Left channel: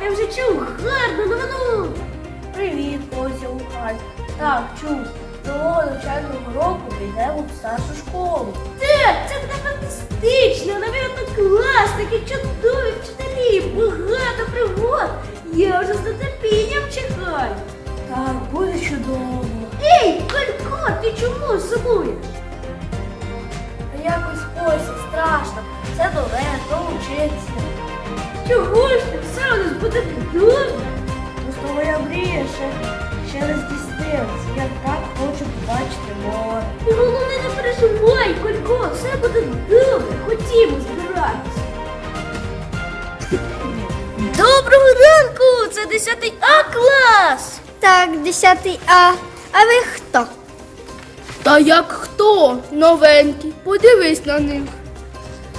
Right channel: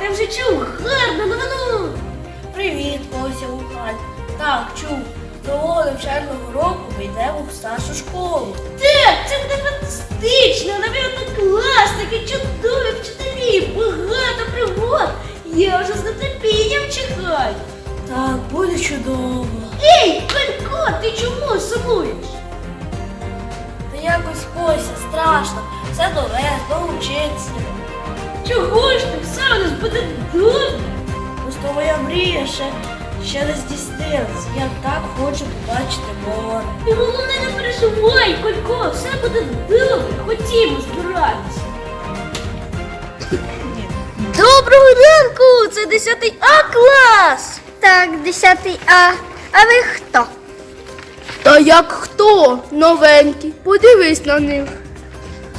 ти вже чув гарну новину. Привіт, Ося Лукань. Так, чув. Нового навчального року ми йдемо в старшу школу. Так, це буде фантастично, навіть класники, чудові вчителі, багато пригод. Я вже з нетерпінням чекаю. Так, буде чудово. Ей, Колько, ти чому сумуєш? Та якось Кося, страшно. Все довести, учитися. Чого ж ти? Все у нас буде добре. Просто моя мрія ще, ще не здійснилась. Я так хочу побачити море. І головне не переживай, Колько, все буде добре. Ходімо збиратися. Доброго ранку! Це 10 А клас! Так, 10 А. А ви хто? Та як хто? Новенький. Подивись на них.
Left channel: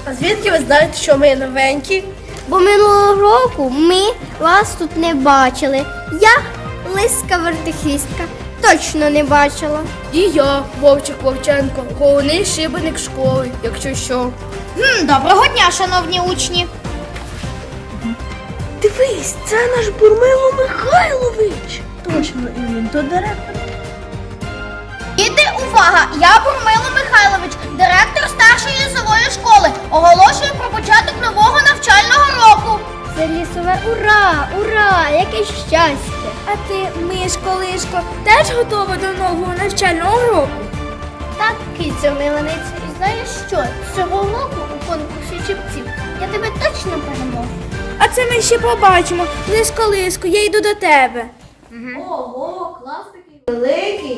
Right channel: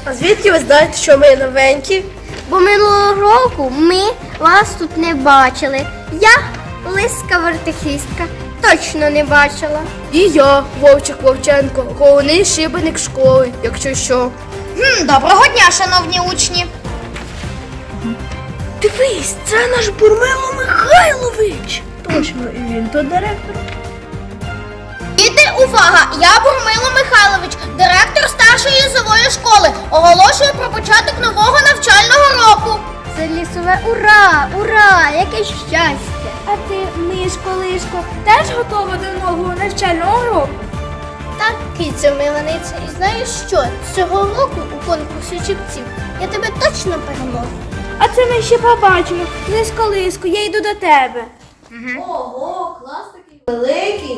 А звідки ви знаєте, що ми новенькі? Бо минулого року ми вас тут не бачили. Я лиска вертихістка. Точно не бачила. І я, Вовчик Вовченко, головний шибеник школи, якщо що. Доброго дня, шановні учні. Дивись, це наш Бурмило Михайлович. Точно, і він то директор. Діти, увага! Я Бурмило Михайлович, директор старшої лісової школи. Оголошую про початок нового навчального року. Це лісове ура! Ура! Яке щастя! А ти, Мишко Лишко, теж готова до нового навчального року? Так, киця миланиця, і знаєш що? Цього року у конкурсі чіпців я тебе точно переможу. А це ми ще побачимо. Лишко Лишко, я йду до тебе. Ого, клас такий великий.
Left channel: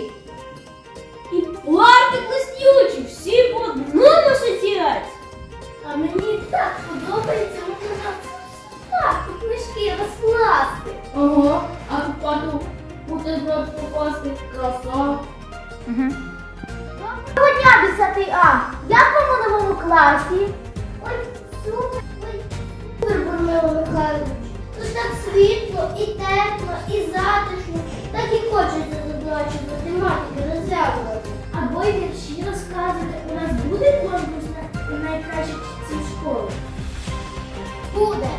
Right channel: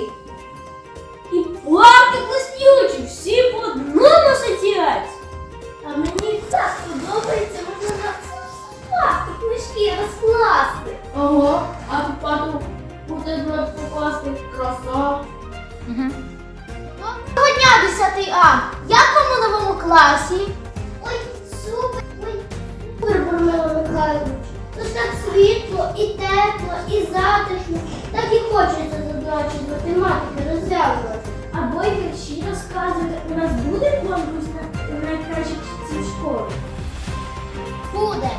10 А! Як вам у новому класі? Ой, супер, ой, супер, Бурмило Михайлович. Тут так світло, і тепло, і затишно. Так і хочеться задачі з математики розв'язувати. Або й вірші розказувати. У нас буде конкурс на найкращих читців школи. Буде.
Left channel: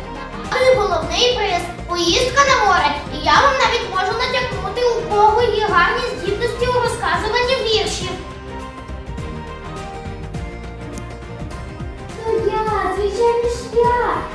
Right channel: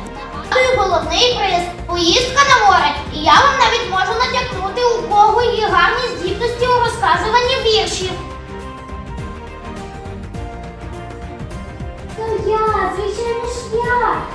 Головний приз поїздка на море. І я вам навіть можу натякнути, у кого є гарні здібності у розказуванні віршів. Я, звичайно ж я,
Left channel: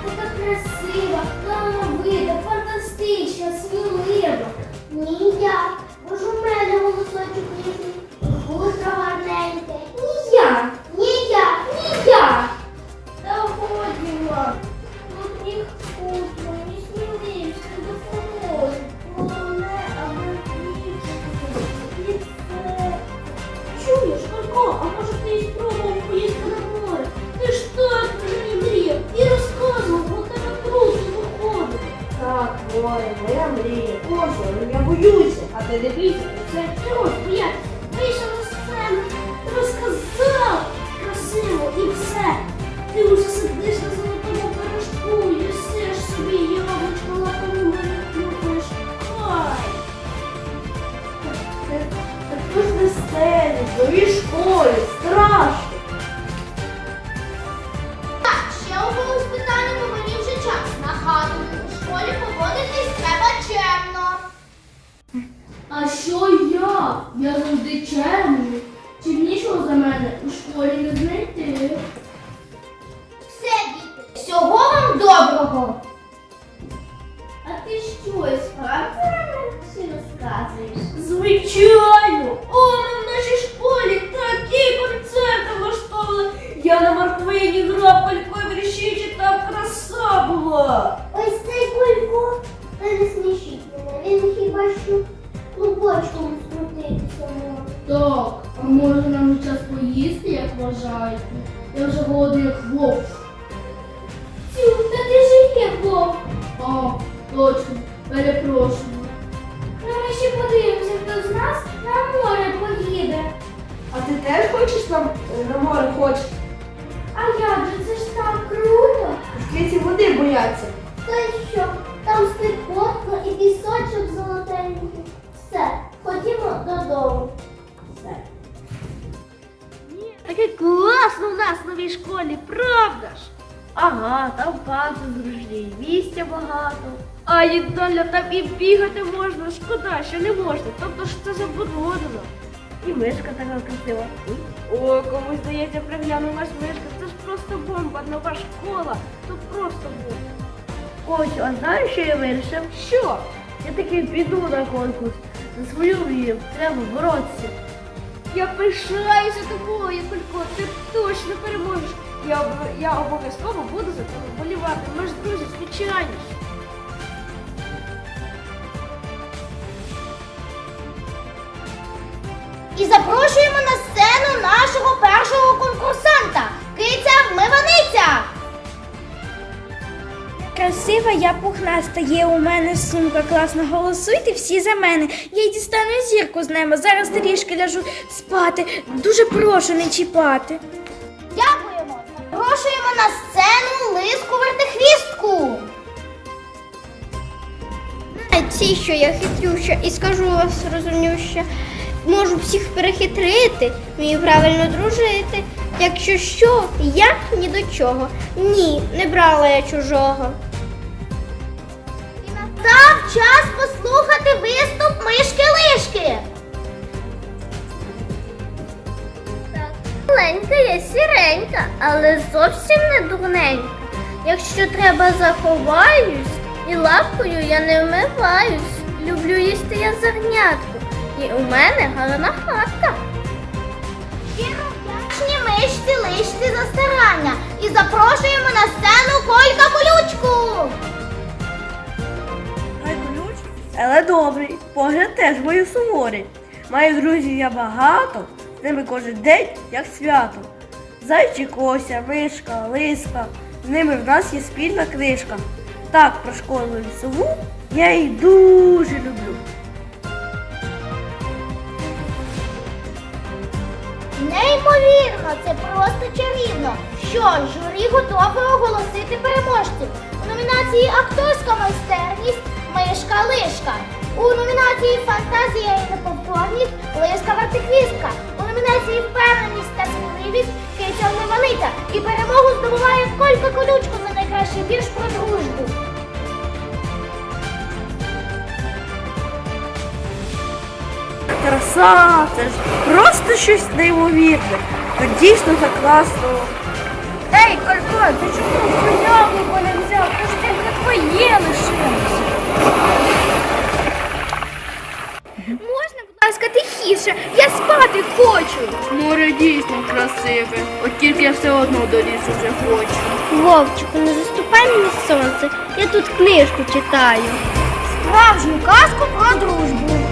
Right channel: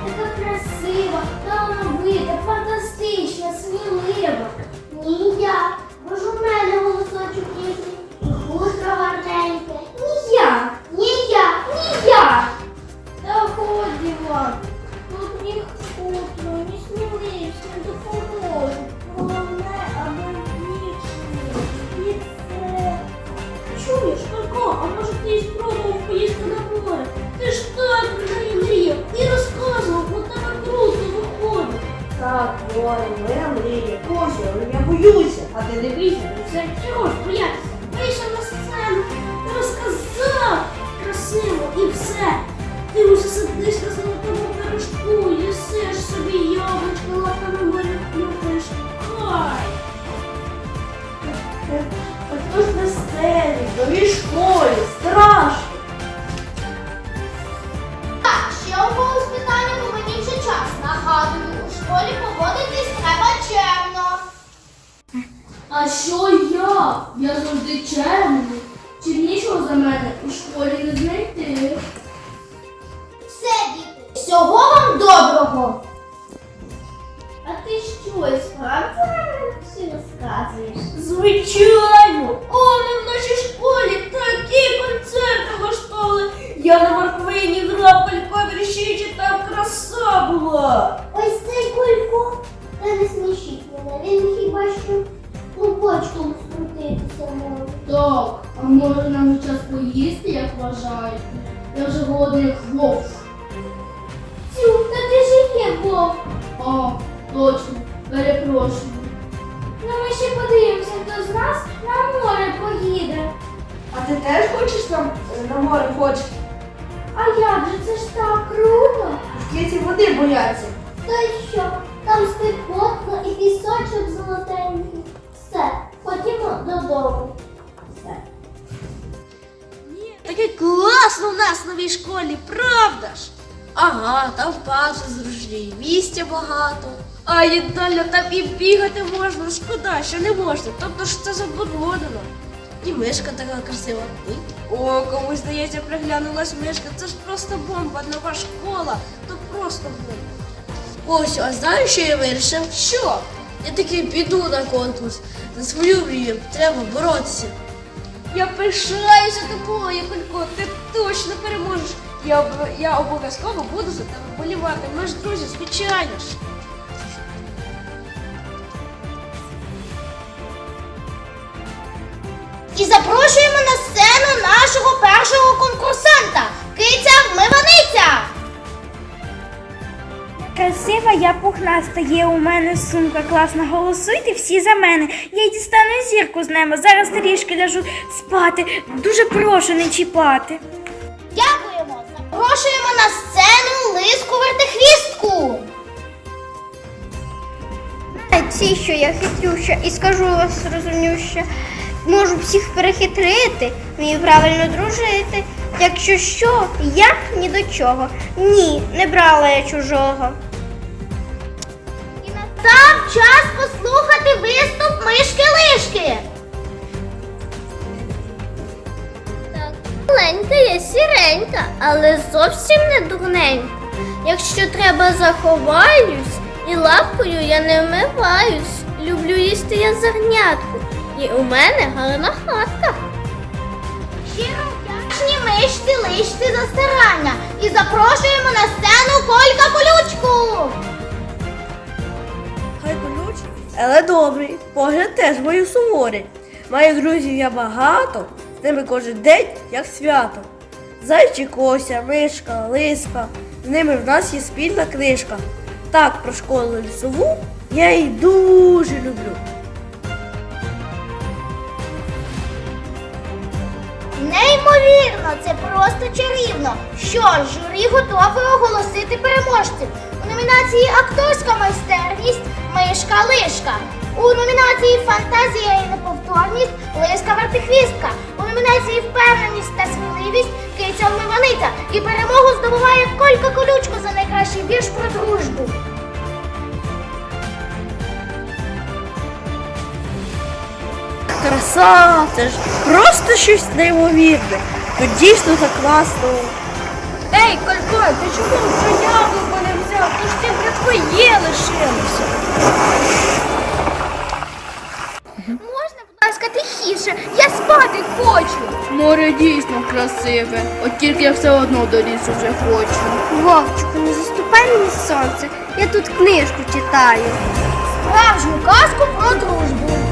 не бійся, це чого ж боятися? Вийшов на сцену, розказав красиво і все. Ти уже сидиш на золотому пирожку, їсиш собі яблучко, лапами моря клюкаєш. Хай! Також на сцені, новій школі, А що я? Я завжди чемний. Чимнішого за мене у школі не знайти. Все, діти. Всього вам доброго. А ти що, і справді нам всі розказуєш? Звичайно! О, ми в нашій школі такі концерти влаштовували. Я на морквині грав калько вірші, так краса була. Ось цей кулько. Та не смішіть мене. Він хіба що клубочком скрутитися може. Так, а може нам вже час поїсти, як вважаєте? Я вже голодний як вовк. Цю, та ти ж є Бог. А, точно, перепрошую. Ну ми ще подивимося, хто з нас на море поїде. А ти теж хочеш нам на море хочеш? А як же це ж так круто? Ті води бояться. Та й що? Нас в новій школі, правда ж? Ага, там Паша зручний, місця багато. А як доля там і бігати можна, шкода, що не можна. Тобто ж це заборонено. І мишка така красива. О, комусь здається, приглянулась мишка. Це ж просто бомба, нова школа. То просто бомба. Ось, а знаєш, що я вирішив? Що? Я таки піду на конкурс. За свою мрію треба боротися. Я пишаюся тобою, Колько, ти точно переможеш. Я, я обов'язково буду за тебе болівати. Ми ж друзі, звичайно ж. І запрошуємо на сцену нашого першого конкурсанта Киця Вмиваниця. Красива, я пухнаста, є у мене сумка класна. Голосуйте всі за мене. Я й дістану зірку з неба. Зараз трішки ляжу спати. Дуже прошу не чіпати. Дякуємо. Запрошуємо на сцену Лиску Вертихвістку. Ці, що я хитрюща і скажу вас розумнюща. Можу всіх перехитрити, вмію правильно дружити. Якщо що, я ні до чого. Ні, не брала я чужого. І настав час послухати виступ мишки Лишки. Маленька я сіренька, але зовсім не дурненька. Якщо треба, заховаюсь, і лапкою я не вмиваюсь. Люблю їсти я зернятку, і у мене гарна хатка. Мишці Лишці за старання. І запрошуємо на сцену Колька Колючку. Хай болють, але добрий. Погляд теж мою суворий. Маю друзів я багато, з ними кожен день як свято. Зайчик Ося, мишка, лиска, з ними в нас є спільна книжка. Так, про школу лісову я її дуже люблю. Неймовірно, це просто чарівно. Що ж, журі готове оголосити переможців. У номінації Акторська майстерність Мишка Лишка. У номінації Фантазія і неповторність Лиска Вертихвістка. У номінації Впевненість та сміливість Киця Вмиваниця. І перемогу здобуває Колька Колючко за найкращий вірш про Краса, це ж просто щось неймовірне. От дійсно так класно. Ей, Колько, ти чому вже яблуко не взяв? Ти ж тільки твоє лишилося. Можна, будь ласка, тихіше, я спати хочу. Море дійсно красиве, от тільки я все одно до лісу вже хочу. Вовчику, не заступай мені сонце. Я тут книжку читаю. Справжню казку про дружбу.